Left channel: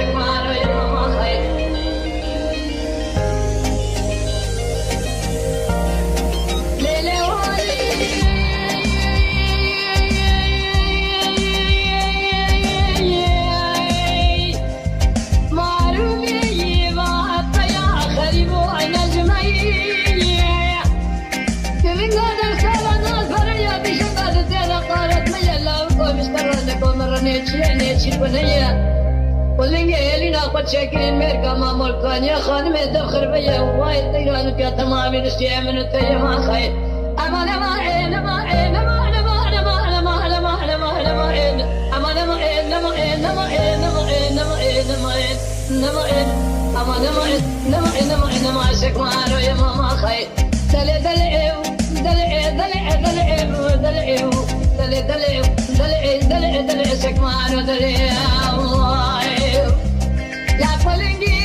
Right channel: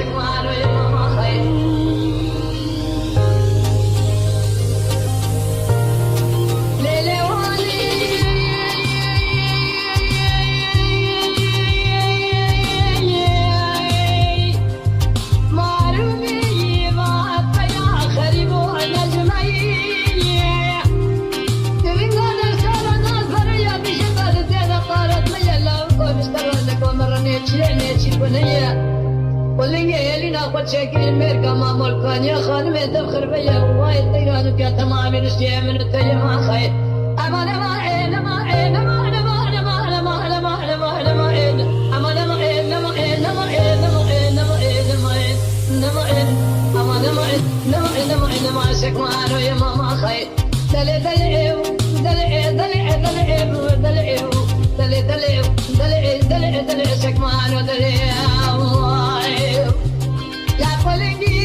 شكمانو يا ماما خير ليلي والي معلومي ما يا خريب ونجمي من هذا الكلام الفرية بشغل زين قالت لي لا مسترنكم مرني تشيني بنيه ولنجي اللي ناخد شكل ميركا ما ملكان يا خانم تفخر بيا وايد طيران كا تمام نسيا من التيما خير اما لما لما لما لما لما لما لما لما لما اما لما لما لما لما لما اما لما لما لما لما شكمانو يا ماما خير دلي دلي دلي دلي دلي دلي دلي دلي دلي دلي دلي شكمانو دلي الله لا فلنجي